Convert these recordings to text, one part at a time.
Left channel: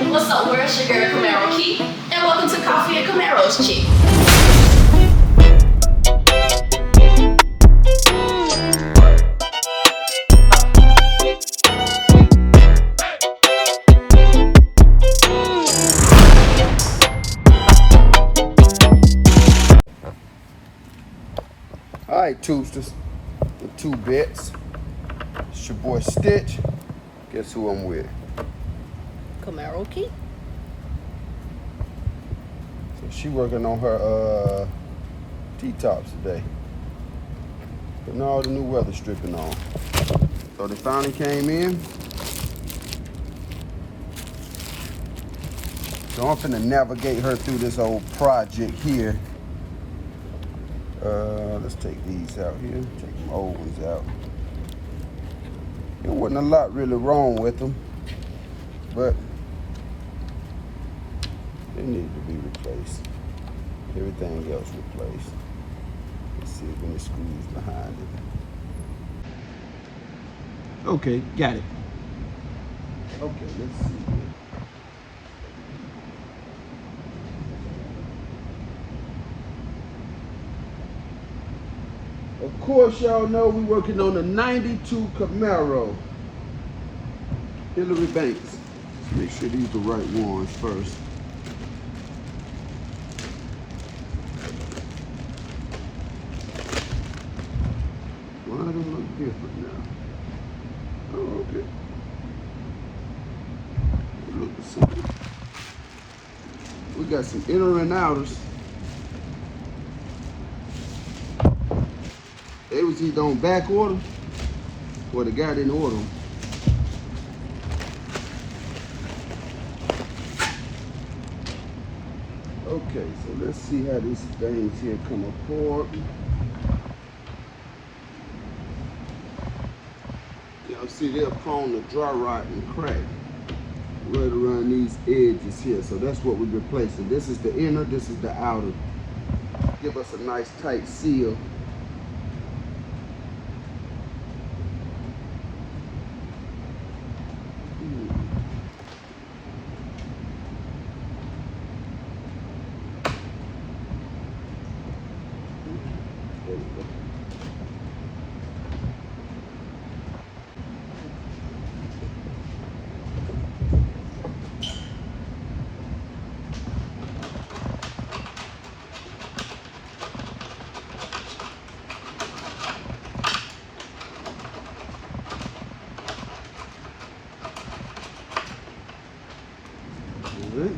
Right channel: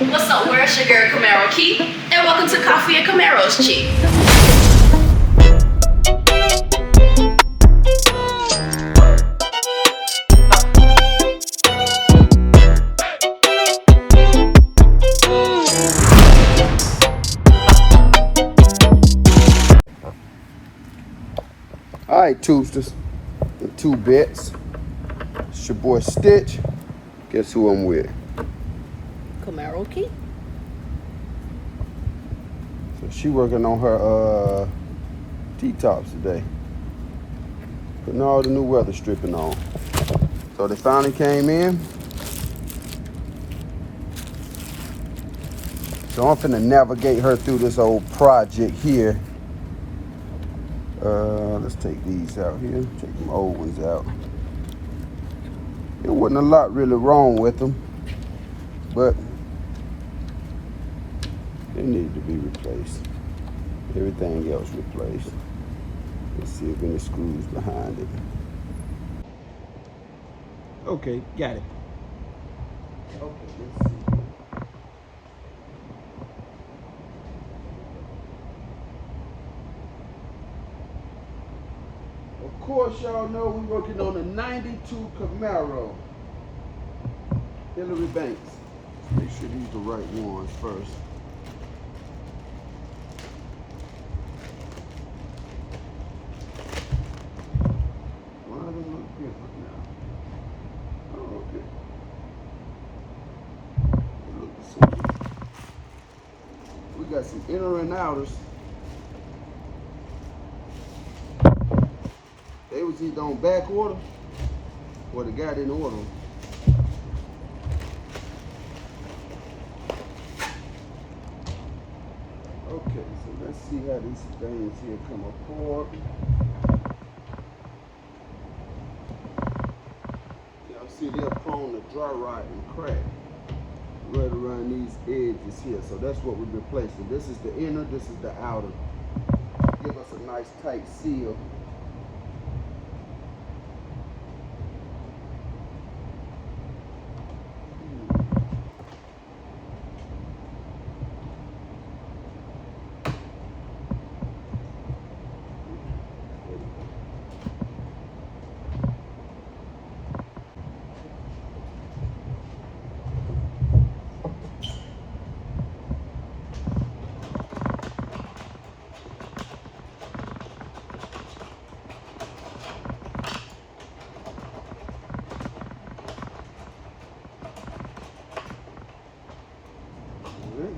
What's up, world? It's your girl Camaro Key, and welcome to Coffee and Camaros Chick. All right, Toosters, the two bits. It's your boy Stitch. Guess who I'm with? Camaros Key. So she working on her T-Tops today. Putting all the new weather stripping on. So they finally came in. So I'm finna navigate her through this old project here. Let's take these out here. Take them old ones out. There wasn't a lot really wrong with them, but they needed to be replaced. Everything else replaced. Let's see if any screws behind it. Okay, got it. Okay, let's see here. Of course, y'all know we working on a 92 Camaro. Hillary Banks. Let's make sure these are the right ones first. Why do they look different now? Oh, okay. They look the same. We got some inner and outers. They was either on back order or the guy didn't order them. Okay, so let's see how these things here come apart. Y'all see they're prone to dry rot and crack right around these edges here. So that's what we're replacing. This is the inner, this is the outer. Give us a nice tight seal. There we go. All right.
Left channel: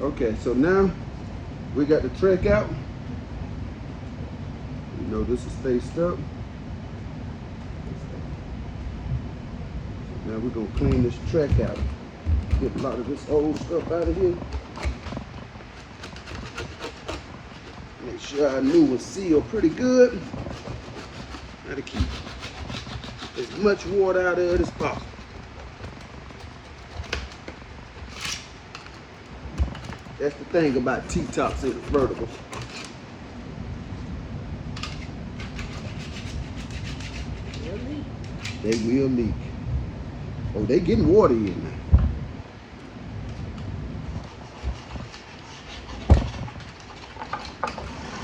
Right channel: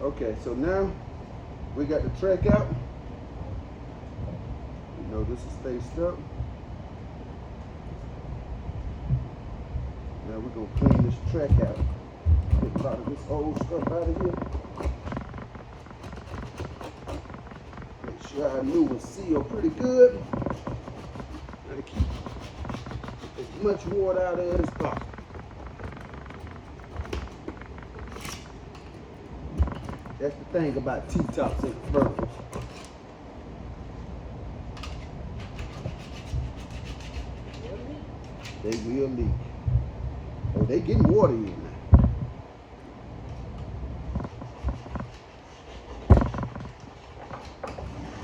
Okay, so now we got the track out. You know this is faced up. Now we're gonna clean this track out. Get a lot of this old stuff out of here. Make sure our new one's sealed pretty good. Try to keep as much water out of it as possible. That's the thing about T-Tops and convertibles. They will leak. Oh, they getting water in now.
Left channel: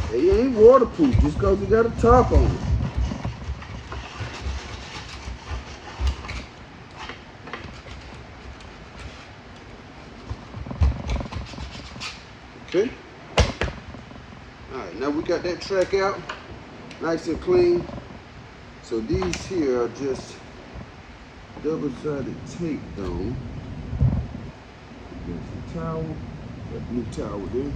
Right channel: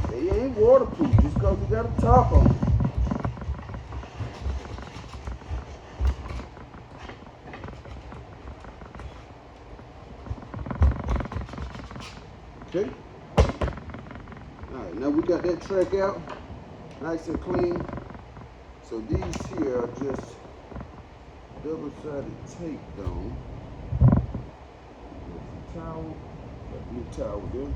They ain't waterproof just because you got a top on it. Okay. All right, now we got that track out, nice and clean. So these here are just double-sided tape though. Got some towel, that blue towel there.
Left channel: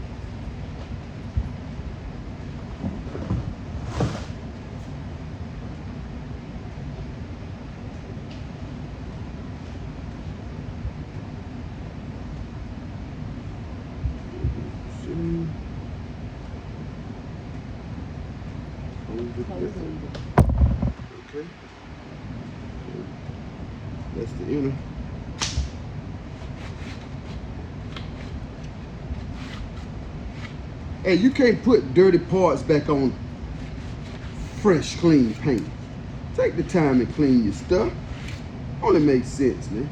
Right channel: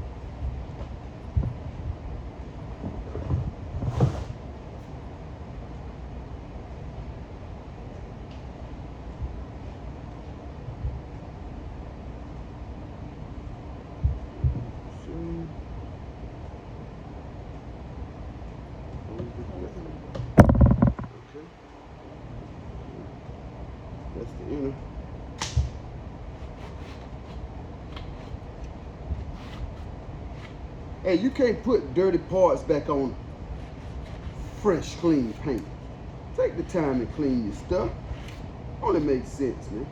Okay. That's the inner. Hey, you can't put dirty parts back on fresh, clean paint. Take the time and clean your stuff. Only makes sense, man.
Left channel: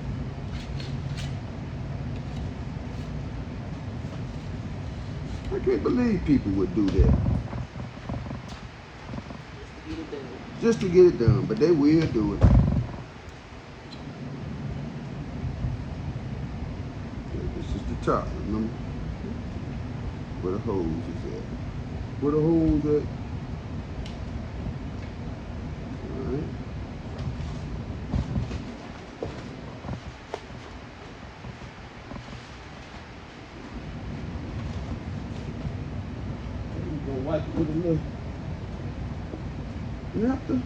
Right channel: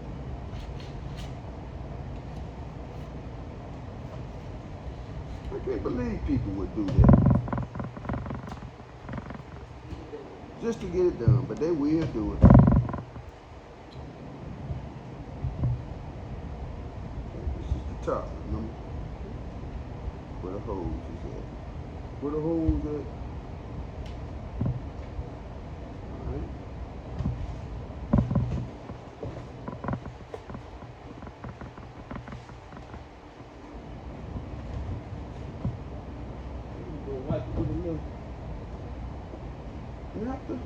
I can't believe people would do that. Just to get it done, but they will do it. Okay, this is the top, remember? Where the hose is at. Where the hose at? Alright. We're gonna wipe it with a little napkin.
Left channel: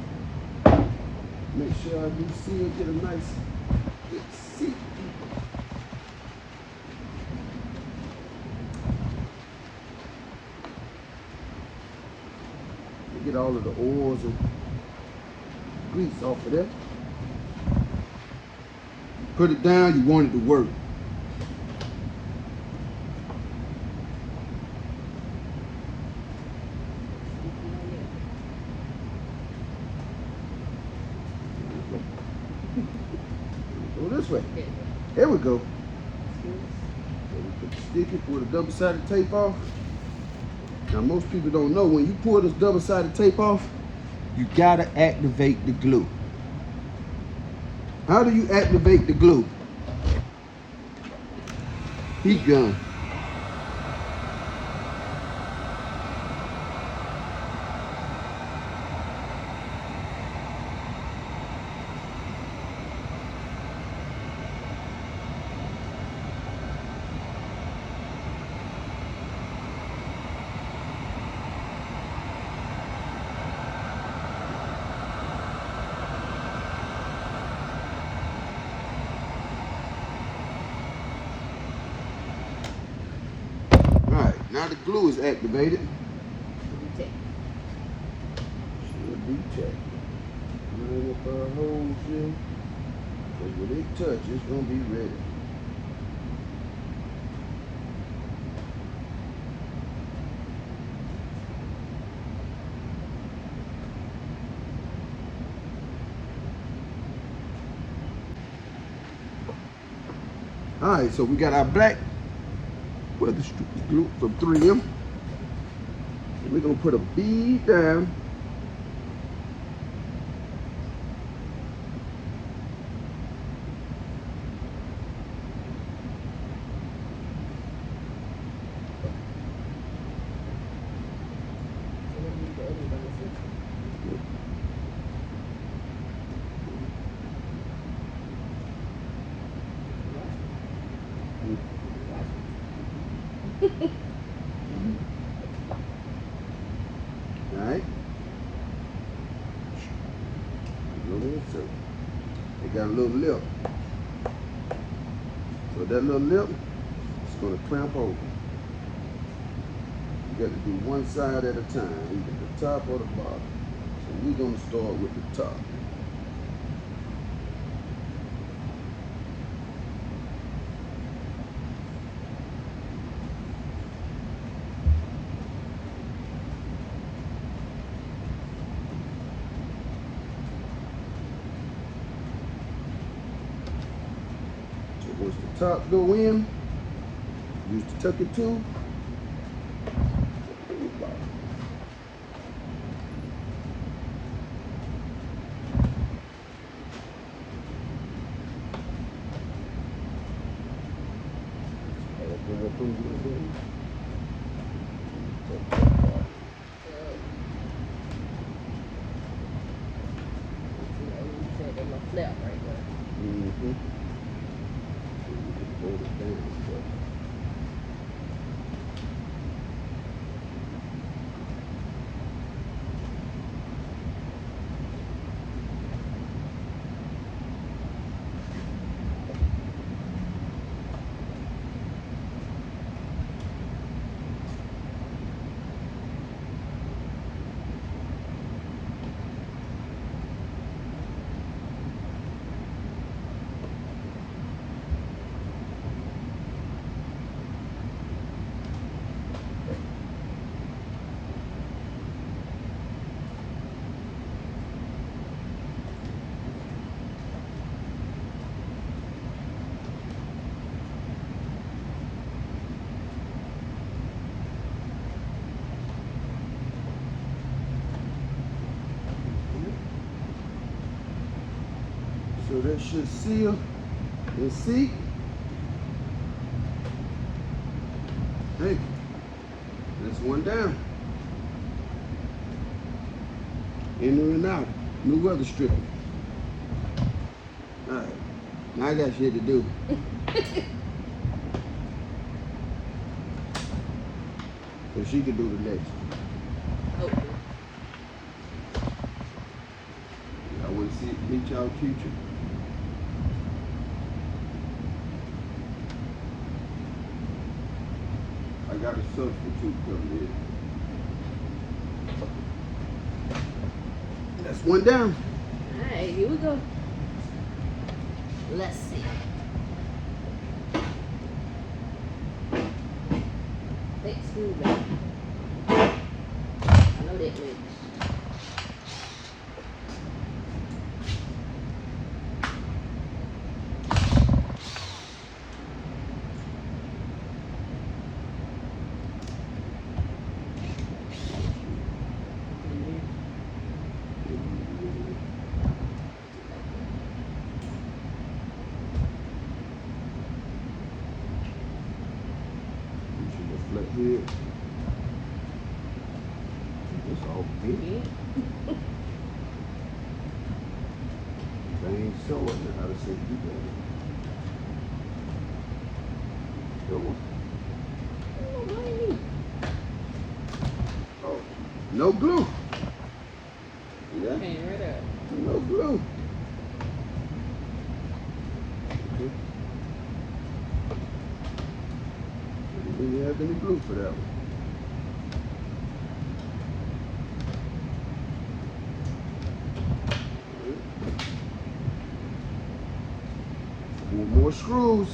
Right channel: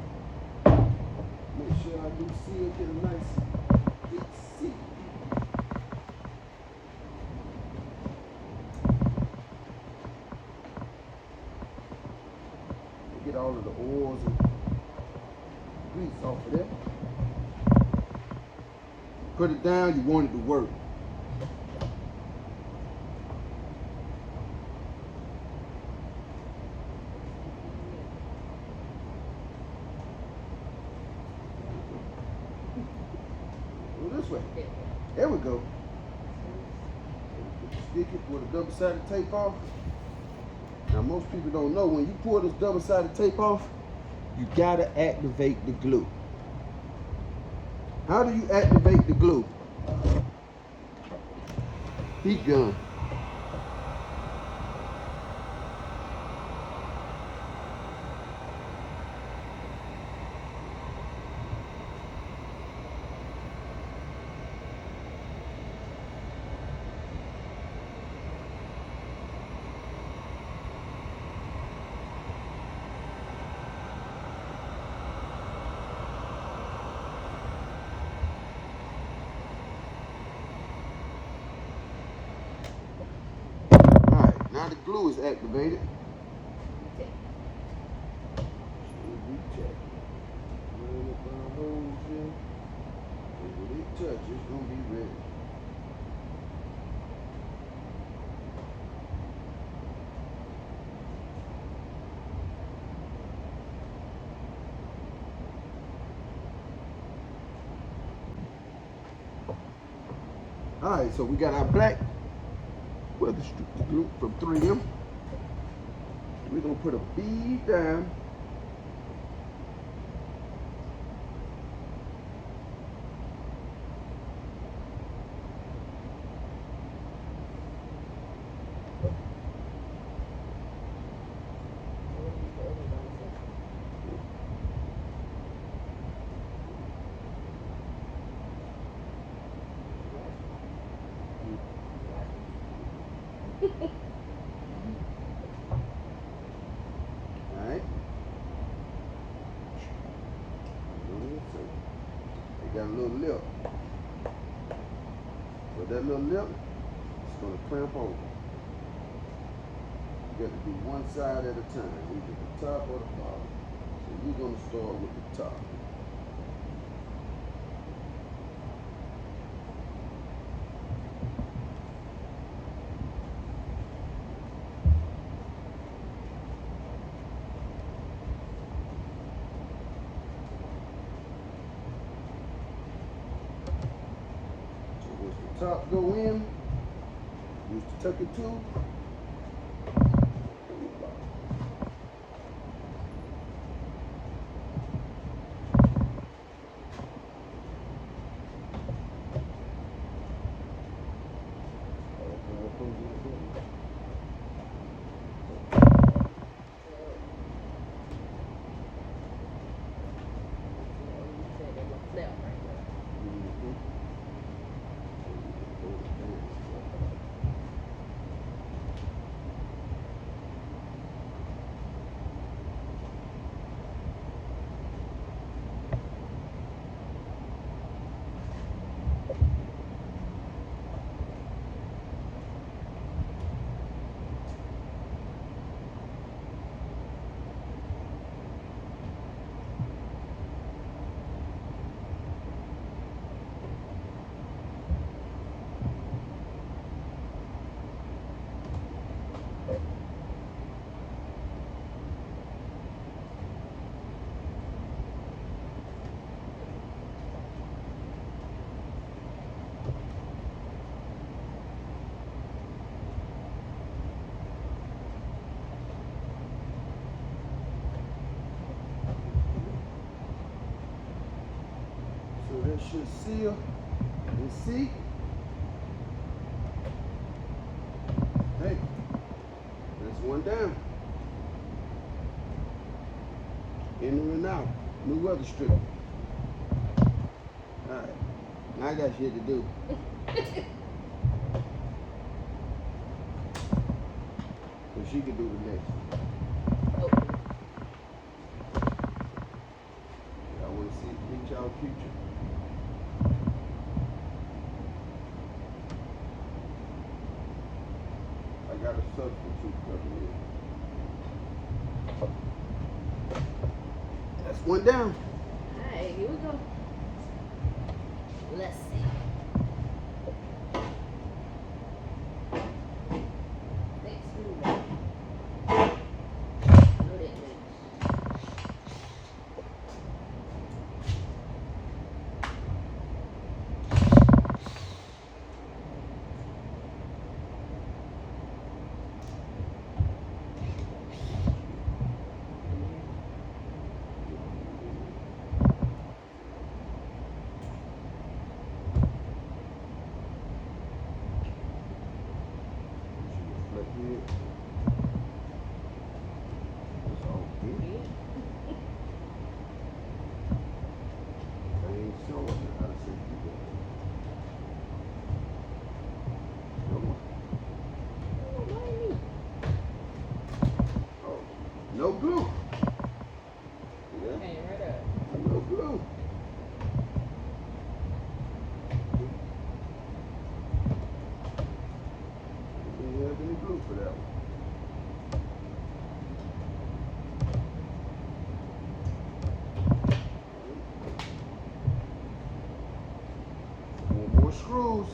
Make sure I do seal, get a nice good seat. Get all of the oils and grease off of there. Put it down, you want it to work. Go this way. There we go. So we put the sticky, pull the double-sided tape off. Now most people don't know, when you pull this double-sided tape off, you gotta activate the glue. How do you activate the glue? Heat gun. Now the glue is activated. Should be checked. Line up our holes here. Because when it touch, it's going to be ready. Alright, so we got our black weather strip glue from 3M. We're going to put a bead down. Alright. They got a little lip. So that little lip is going to clamp over. You got to do one side at a time, either the top or the bottom. So we're going to start with the top. Once the top go in, use the tuck it tool. Flap right there. Mm-hmm. Hold it down, but So that should seal and seat. Hey, that's one down. Inner and out. New weather stripping. All right, now I got shit to do. So she can do the next. Okay. I want to meet y'all future. I got a substitute coming in. That's one down. All right, here we go. Let's see. Fake screwdriver. I know that makes. Flat head. That's all big. Yeah. Things show it now how to say you got it. Door. Oh, blame me. Oh, no glue. Yeah, Came right up. no glue. Okay. Didn't have any glue for that one. Four more screws.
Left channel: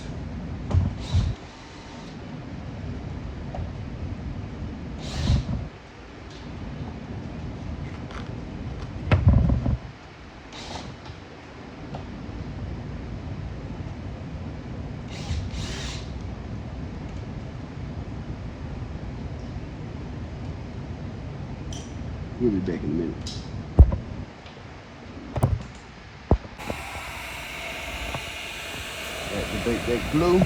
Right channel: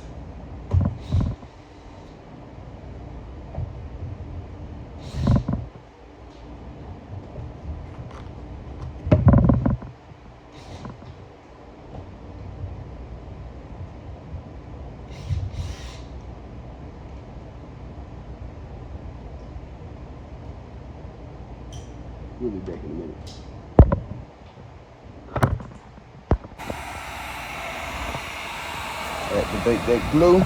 We'll be back in a minute. Activate that glue.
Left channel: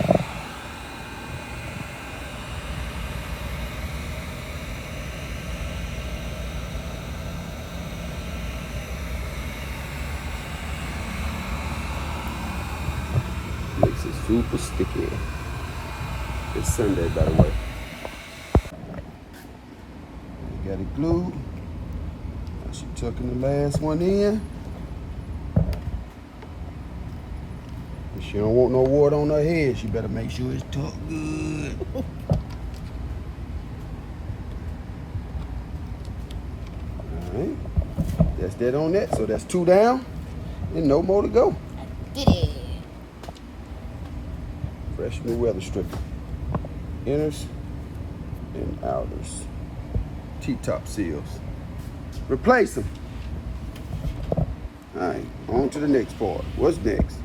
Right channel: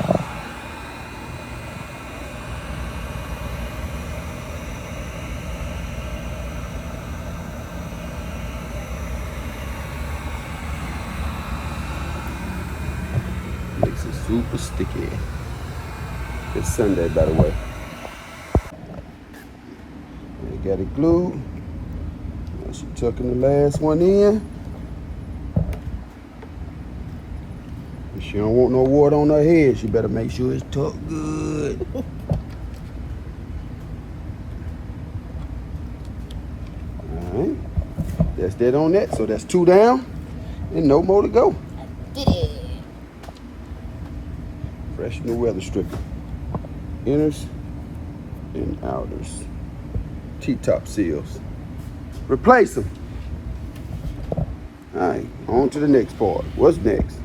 Makes it super sticky. It's Sunday, by the way. We got it glued. Now she tucking the last one in. If she don't want no water on her head, she better make sure it's tucked good. Alright. That's that on that. So that's two down and no more to go. Get it. Fresh new weather stripping. Inners and outers. T-top seals. Replace them. Alright, on to the next part. What's next?